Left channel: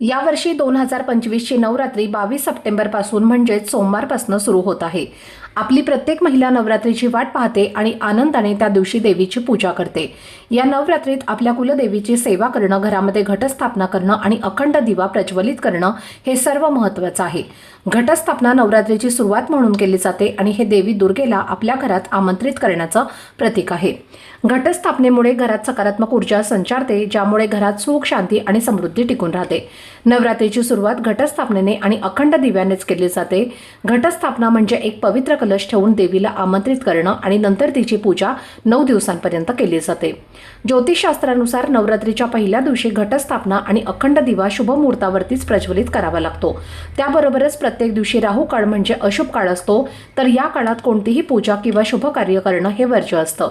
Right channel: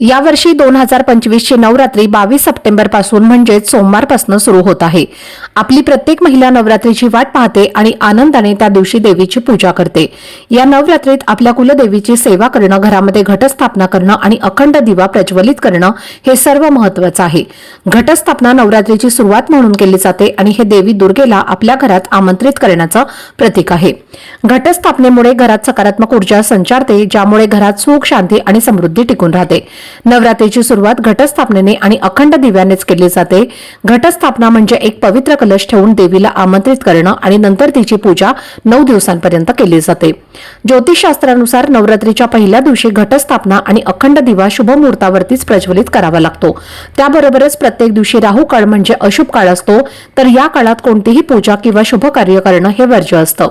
यावर्षी दोन हजार पंचवीसची नवरात्री बावीस सप्टेंबरपासून म्हणजेच सोमवारपासून सुरू होत आहे. आपली प्रत्येक महिला नवरात्रीची वाट पाहते आणि आनंदाने त्या दिवशी देवीची पूजा करते. या नवरात्रीत आपल्या कुलदेवीची सेवा करणं घरामध्ये घटस्थापना करणं आणि अखंड दिवा प्रज्वलित करणं हे सर्व महत्वाचं आहे. घटस्थापना नवरात्रीची सुरुवात म्हणून केली जाते आणि हे देवी दुर्गेला आपल्या घरात आमंत्रित करण्याचं प्रतीक आहे. घटस्थापनेमुळे घरात सकारात्मक ऊर्जा संचारते ज्यामुळे घरात सुख शांती आणि समृद्धी टिकून राहते. नवरात्रीची सुरुवात घटस्थापनेने आणि अखंड दिव्यानेच केली जाते. घटस्थापना म्हणजे एक पवित्र कलश ठेवून देवीला आमंत्रित करणं आणि नंतर तिची पूजा नऊ दिवसांपर्यंत केली जाते. ज्योतिषशास्त्रानुसार नवरात्रीच्या पहिल्या दिवशी घटस्थापना आणि अखंड दिवा शुभ मुहूर्तावरतीच प्रज्वलित करावा लागतो. त्याबरोबरच प्रत्येक दिवशी राहू काळ म्हणजे अशुभ काळ असतो. तर या काळात कोणतीही पूजा किंवा शुभ कार्य करणं हे वर्ज्य असतं.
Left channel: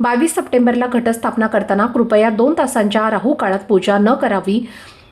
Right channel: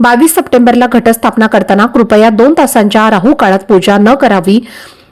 बावीस सप्टेंबरला घटस्थापना करताना कृपया दोन तासांच्या राहू काळात पूजा न करावी.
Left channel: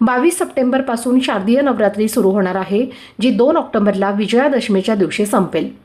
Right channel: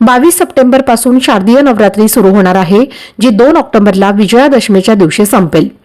बावीस सप्टेंबरपासून शारदीय नवरात्री सुरू होणार आहे जी दोन ऑक्टोबरला विजयादशमीच्या दिवशी संपेल.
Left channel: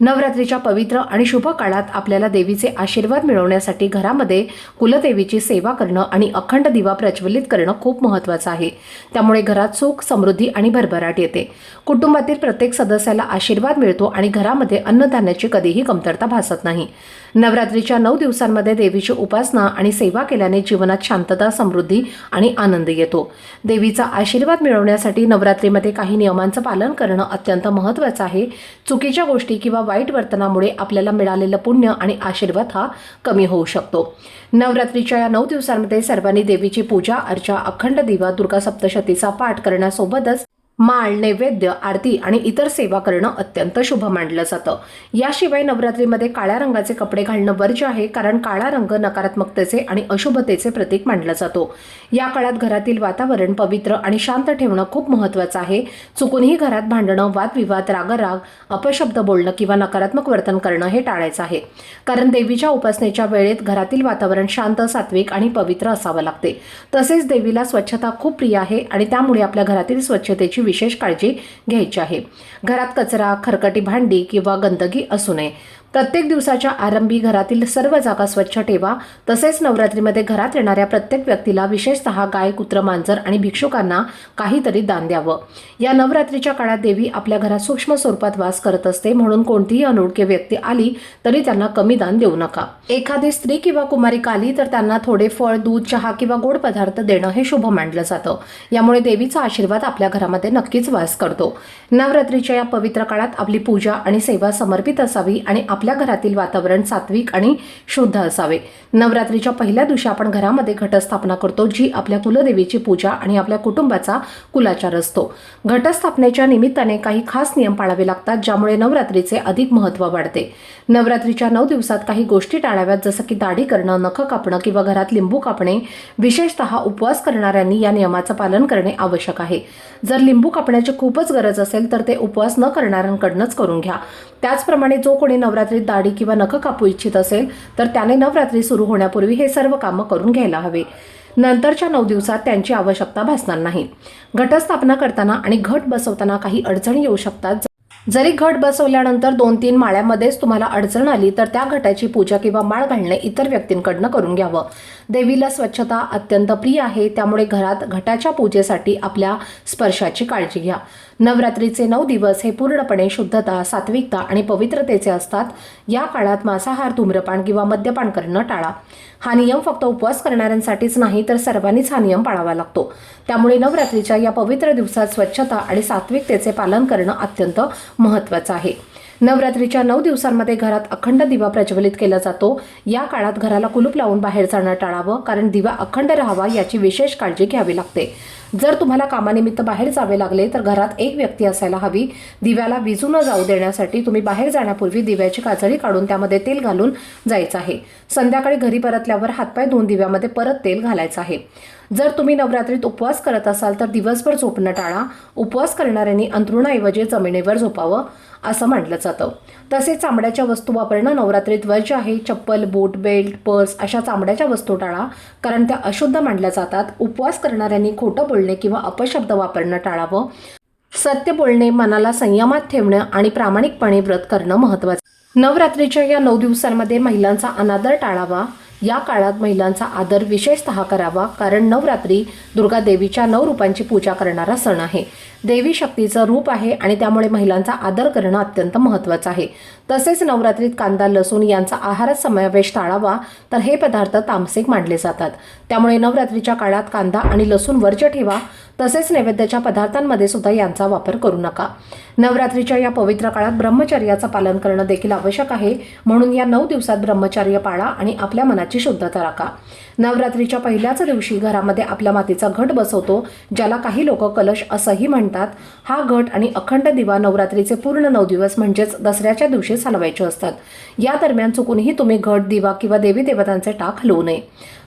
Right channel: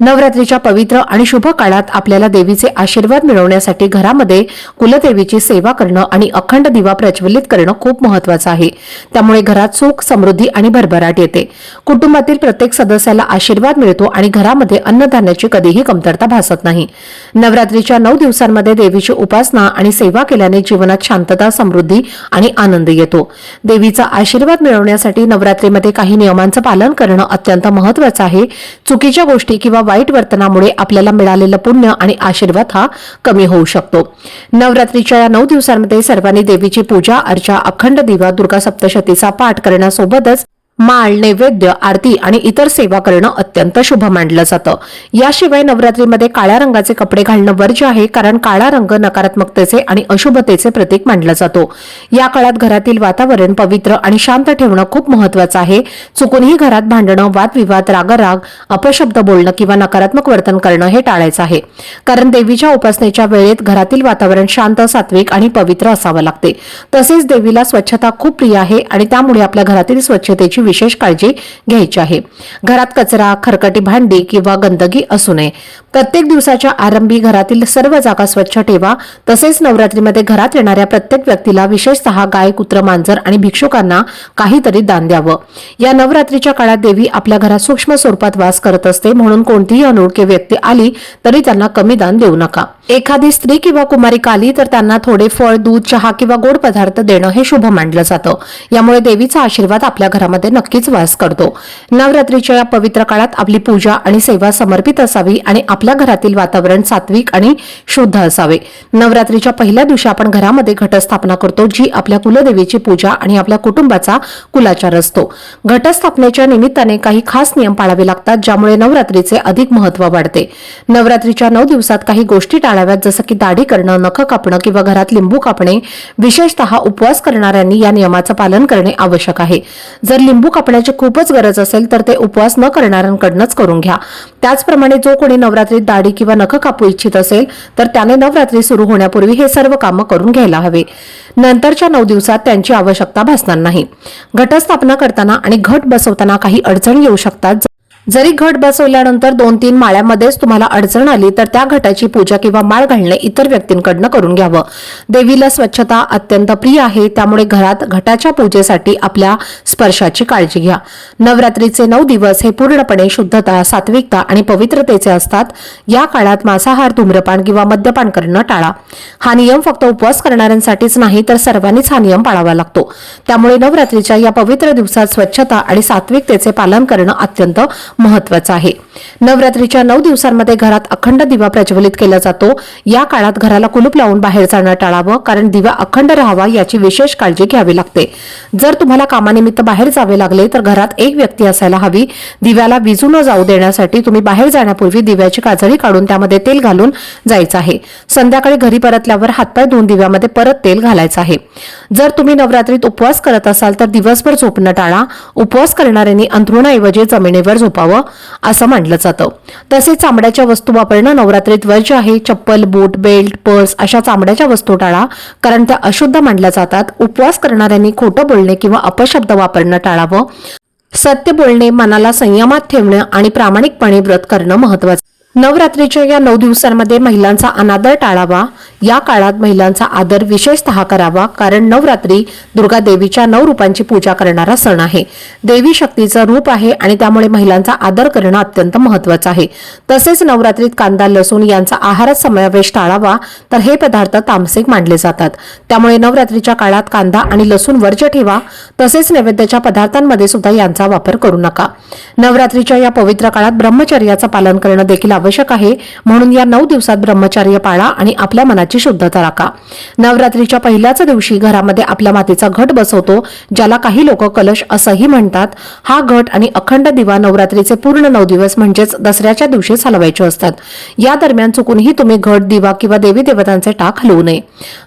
नवरात्रीच्या पवित्र आणि शुभ काळात आपल्याला देवीचे आशीर्वाद मिळवण्यासाठी घरामध्ये कुलदेवीची सेवा करणं आणि अखंड दिवा प्रज्वलित करणं खूप महत्वाचं आहे. त्यामुळे घरात सुख समृद्धी आणि भरभराट येते. कुटुंबातील प्रत्येक सदस्याला आशीर्वाद मिळतो आणि घरामध्ये अन्नधान्याची कधीही कमतरता भासत नाही. नवरात्रीच्या नऊ दिवसांमध्ये देवीची उपासना आणि सेवा केल्याने जीवनात शांतता समृद्धी आणि आनंद येतो. देवीचा आशीर्वाद मिळवण्यासाठी नवरात्रीमध्ये काही नियमांचं पालन करणं अत्यंत महत्वाचं आहे. चुकीच्या गोष्टी किंवा वाईट वर्तनामुळे आपल्याला मिळालेलं पुण्य आणि आशीर्वाद हा कमी होऊ शकतो. नवरात्रीच्या या नऊ दिवसांमध्ये सर्वांनी देवीची पूजा अर्चा अखंड दिवा दुर्गा सप्तशतीचा पाठ करण्यासोबतच माळ नैवेद्य आरती आणि इतर सेवा करणं अत्यंत शुभ मानलं जातं. याशिवाय नवरात्रीमध्ये काळ्या रंगाचे कपडे घालणं वर्ज्य आहे कारण काळा रंग नकारात्मकतेचे आणि अशुभतेचे प्रतीक मानला जातो. या काळात घरातील वातावरण पवित्र आणि शांत ठेवणं खूप महत्वाचं आहे. चुकूनही घरात भांडणं वादविवाद रागराग अपशब्द बोलणं किंवा नकारात्मक वर्तन करणं हे टाळायचं आहे. कारण देवीच्या उपासनेच्या वेळेत घरातील वातावरण शांत सात्विक आणि पवित्र असावं लागते. तसेच देवीला स्वच्छता खूप प्रिय आहे आणि त्यामुळे आपल्या घरातील स्वच्छतेची विशेष काळजी घ्यायची आहे. घरात कचरा खरकटी भांडी किंवा गंदगी असू नये. प्रत्येक दिवसाच्या आरंभी घरातील सर्व जागा स्वच्छ ठेवा. तसेच नवरात्रीमध्ये घरात येणाऱ्या प्रत्येक व्यक्तीला विशेषतः गाय कुत्र मांजर आणि भिक्षुकांना काहीतरी दान द्यावं. या नवरात्रीच्या काळात देवी आपल्या घरात सूक्ष्म स्वरूपात वास करत असते. म्हणून कोणतीही अनोळखी व्यक्ती आली तरी त्यांना कमी दान देऊ नका. एखादी स्त्री किंवा कुमारिका आली तर त्यांना थोडे फळ दूध चहा किंवा गोड पदार्थ देणं हे शुभ मानलं जातं. यामुळे देवीचा आशीर्वाद आपल्या घरामध्ये नक्कीच वास करतो. नवरात्रीच्या या पवित्र काळात आपली पूजा आणि सेवा समर्पित असावी आणि आपल्या घरातील वातावरण सात्विक आणि शुद्ध असावे. नवरात्रीच्या पहिल्या दिवशी आपण घरामध्ये घटस्थापना करतो जी आपल्या कुलदेवीची पूजा आणि आपल्या कुटुंबाचा कुलाचार असतो. घटस्थापनेच्या निमित्ताने काही खास नियम पाळावे लागतात ज्यामुळे नवरात्रीचे अधिक महत्त्व वाढते. नवरात्रीच्या नऊ दिवसात काही गोष्टी टाळाव्यात जसं की दाढी करणं नख कापणं किंवा घरात लिंबू कापणे विशेषतः उपवास करणाऱ्यांनी या नियमाचं पालन करणे आवश्यक आहे. जर लिंबू कापण्याची खूपच गरज असेल तर ते उपवास न करणाऱ्यांकडनंच करून घ्या. त्याचप्रमाणे जो कोणी नवरात्री नवरात्रीत दाढी किंवा नख कापू इच्छित असेल तर त्याने नवरात्री सुरू होण्यापूर्वी हे सर्व कामं करून घ्यायला हवे. नंतरच्या नऊ दिवसात त्यांची आवश्यकता भासणार नाही. घटस्थापना करताना आणि घट बसवताना काही अडचणी येऊ शकतात जरी घट बसवल्यानंतर दोन तीन माळ्यामध्येच तुम्हाला अडचण आली तर त्या घटाची पूजा किंवा माळ घालणे इतर व्यक्तींकडनं करून घ्यावं. देवीला स्वच्छता अत्यंत प्रिय आहे त्यामुळे घरात घटाच्या पूजेसाठी आपल्या स्पर्शाची काळजी घ्या. नवरात्रीचे नऊ दिवस हे पूर्णपणे शुद्धता सात्विकता आणि पवित्रतेचे असतात. या काळात मांसाहार धूम्रपान किंवा मद्यपान करणं टाळा. हा नियम फक्त उपवास करणाऱ्यांसाठीच नाही तर सर्वांनीच हा नियम पाळावा लागतो. त्यामुळे नवरात्रीच्या या पवित्र दिवसात स्वच्छता आणि सात्विकतेचे पालन करणं अत्यंत महत्वाचं आहे. नवरात्रीच्या नऊ दिवसांमध्ये घरात अखंड दिवा प्रज्वलित केला जातो. या काळात घराला कुलूप लावून बाहेर जाणं टाळावं कारण दिवा अखंड राहावा याची विशेष काळजी घ्यावी लागते. जर तुम्हाला कामानिमित्त बाहेर जावे लागले तर घरात एक व्यक्ती असायला हवी. दिव्याला विजू न जाऊ देण्यासाठी तुम्ही बाहेर जाण्यापूर्वी दिव्याची काजळी काढून त्यामध्ये तेल घालून जायचं आहे. संध्याकाळी घरी परत परतल्यावर हातपाय दोन दिव्यामध्ये परत तेल घालायचं आहे. जर तुम्ही नवरात्रीत उपवास करत असाल तर दिवसभर झोपणं टाळा. उपवास करणाऱ्यांनी अंथरुणाऐवजी जमिनीवर झोपावं असं म्हटलं जातं. तसेच चामड्याच्या वस्तू वापरणं नवरात्रीत वर्ज्य आहे. चप्पल बूट बेल्ट पर्स अशा चामड्याच्या वस्तू टाळा कारण त्या अशुद्ध मानल्या जातात. उपवास करणाऱ्यांनी खोटं बोलणे किंवा अपशब्द वापरणं टाळावं. सत्य बोलणे मनाला संयमात ठेवणं आणि प्रामाणिकपणे व्रत करणं महत्वाचं नवरात्रीच्या या नऊ दिवसांमध्ये महिलांचा अनादर टाळावा. या काळात महिलांचा आदर विशेषतः करावा कारण नवरात्री दुर्गा देवीच्या नऊ रूपांची पूजा करणारा सण आहे. देवी शक्तीचं रूप आहे आणि त्यामुळे महिलांचा आदर करणं अत्यंत महत्वाचं आहे. तसेच नवरात्रीत कांदा लसूण यांचा आहारात समावेश टाळावा तर हे पदार्थ तामसिक मानले जातात. त्यामुळे नवरात्रीच्या काळात कांदा आणि लसूण वर्ज्य ठेवा तसेच नैवेद्याच्या पदार्थांमध्ये सुद्धा यांचा वापर करू नका. नवरात्रीच्या या पवित्र काळात ब्रह्मचर्याचं पालन करणं देखील आवश्यक आहे म्हणून या नऊ दिवसात ब्रह्मचर्य पाळा आणि आपल्या मनात घराची शुद्धता राखा. नवरात्रीच्या पहिल्याच दिवशी घरामध्ये आपल्या मातीचा घट बसवतो ज्याला काही लोक कलश असंही म्हणतात. हा घट आणि अखंड दिवा नवरात्रीचे पूर्ण नऊ दिवस म्हणजेच दसऱ्याच्या दिवशी चालवायचे असतात. या दरम्यान चुकूनही तुम्ही घट दिवा किंवा देवी देवतांचे टाक हलवू नये.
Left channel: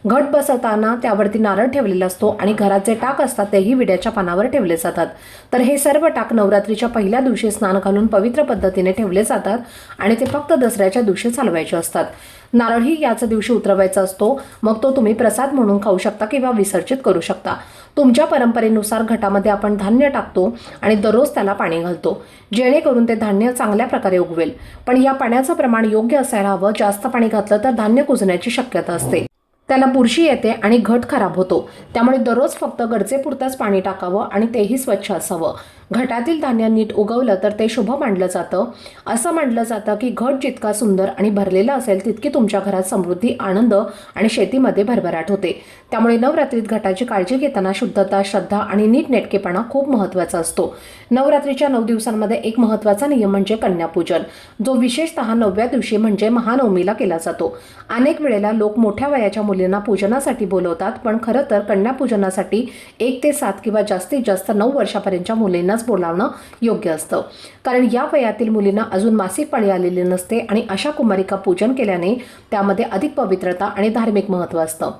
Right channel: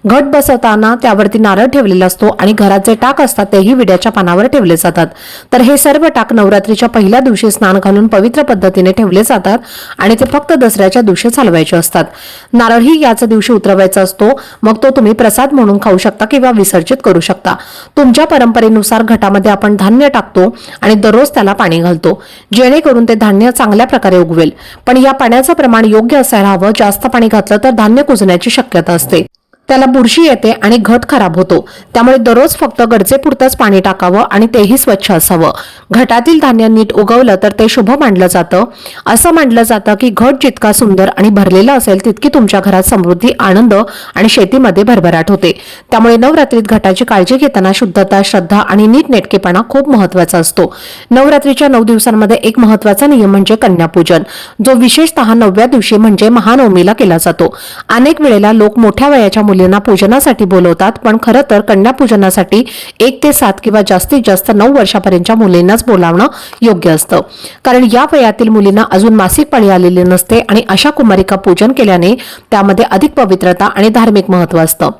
घट बसवताना त्यावरती नारळ ठेवलेला असतो आणि घरात जे टाक असतात तेही विड्याच्या पानावर ठेवले जातात. तर हे सर्व टाक नवरात्रीच्या पहिल्या दिवशी स्नान घालून पवित्र पद्धतीने ठेवले जातात आणि ते फक्त दसऱ्याच्या दिवशी चालवायचे असतात. नारळही याच दिवशी उतरवायचा असतो मग तो तुम्ही प्रसाद म्हणून खाऊ शकता किंवा विसर्जित करू शकता. तुमच्या परंपरेनुसार घटामध्ये आपण धान्य टाकतो आणि दररोज त्याला पाणी घालतो जेणेकरून ते धान्य चांगल्या प्रकारे उगवेल. पण या पाण्याचं प्रमाण योग्य असायला हवं जास्त पाणी घातलं तर धान्य कुजण्याची शक्यता असते. त्याला बुरशी येते आणि घट खराब होतो. त्यामुळे दररोज फक्त गरजेपुरतंच पाणी टाकावं आणि तेही स्वच्छ असावं. घटातील धान्य नीट उगवलं तर ते शुभ मानलं जातं. असं मानलं जातं की घट जितका सुंदर आणि भरलेला असेल तितकी तुमच्या घरात समृद्धी आनंद आणि शेतीमध्ये भरभराट होते. त्यामुळे नवरात्रीत घटाची काळजी घेताना शुद्धता श्रद्धा आणि नीटनेटकेपणा खूप महत्त्वाचा असतो. नवरात्रीच्या नऊ दिवसांमध्ये एक महत्त्वाचा नियम म्हणजे कन्यापूजन जो विशेषतः नवव्या दिवशी म्हणजे महानवमीला केला जातो. अनेक वेळेला लोक मोठ्या वयाच्या मुली मुलींना पूजनासाठी बोलवतात पण खरं तर कन्या पूजनासाठी एक ते सात किंवा जास्तीत जास्त नऊ वर्षापर्यंतच्या मुलींनाच बोलावणं योग्य असतं. कारण या वयातील मुलींना अजून मासिक पाळी आलेली नसते आणि अशा कुमारिका पूजन केल्याने त्यामध्ये अधिक पवित्रता आणि धार्मिक महत्त्व असतं.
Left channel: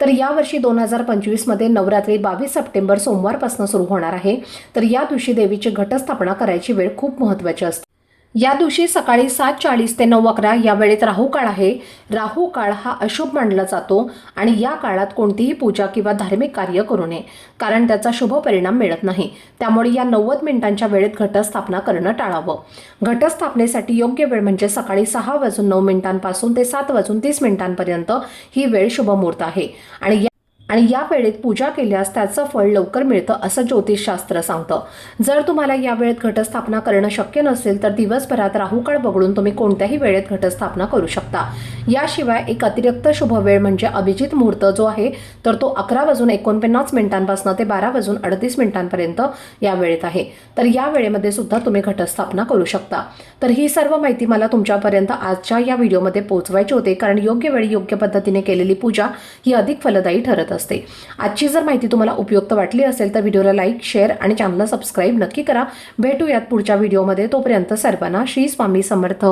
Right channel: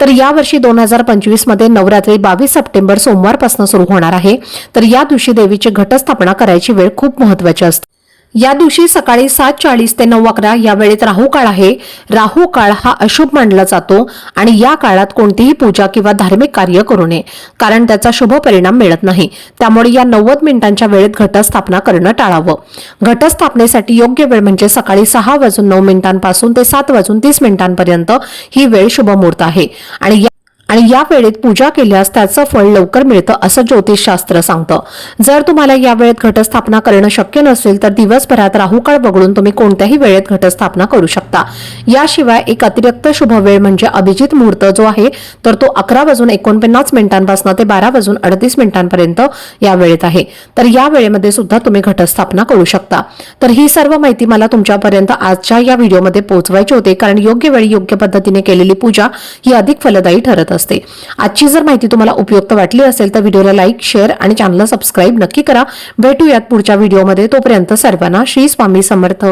तर यावर्षी दोन हजार पंचवीसमध्ये नवरात्री बावीस सप्टेंबर सोमवारपासून सुरू होणार आहे. तर या दिवशी देवीची घटस्थापना करायची वेळ खूप महत्वाची असते. या दिवशी सकाळी सात चाळीस ते नऊ अकरा या वेळेत राहू काळ आहे. राहू काळ हा अशुभ मानला जातो आणि या काळात कोणतीही पूजा किंवा धार्मिक कार्य करू नये कारण त्याचा शुभ परिणाम मिळत नाही. त्यामुळे या नव्वद मिनिटांच्या वेळेत घटस्थापना करणं टाळावं. घटस्थापनेसाठी योग्य वेळ म्हणजे सकाळी सहा वाजून नऊ मिनिटांपासून ते सात वाजून तीस मिनिटांपर्यंत ही वेळ शुभ मुहूर्त आहे. आणि या आणि या वेळेत पूजा केल्यास त्याचं फळ लवकर मिळतं असं ज्योतिषशास्त्र सांगतं. जर तुम्हाला या वेळेत घटस्थापना करणं शक्य नसेल तर दिवसभरात राहुकाळ बघडून तुम्ही कोणत्याही वेळेत घटस्थापना करू शकता. याशिवाय एक अतिरिक्त शुभ वेळ म्हणजे अभिजित मुहूर्त जो आहे तर तो अकरा वाजून एकोणपन्नास मिनिटांपासून ते बारा वाजून अडतीस मिनिटांपर्यंत या वेळेत आहे. तर या वेळेमध्ये सुद्धा तुम्ही घटस्थापना करू शकता. तर ही सर्व माहिती मला तुमच्यापर्यंत आजच्या या व्हिडिओमध्ये पोहोचवायची होते कारण योग्य वेळी योग्य पद्धतीने केलेली पूजा ही अधिक फलदायी ठरत असते. असते. आजची जर माहिती तुम्हाला उपयुक्त वाटली असेल तर व्हिडिओला लाईक शेअर आणि चॅनलला सबस्क्राईब नक्की करा. भेटूयात पुढच्या व्हिडिओमध्ये. तोपर्यंत सर्वांना श्री स्वामी समर्थ.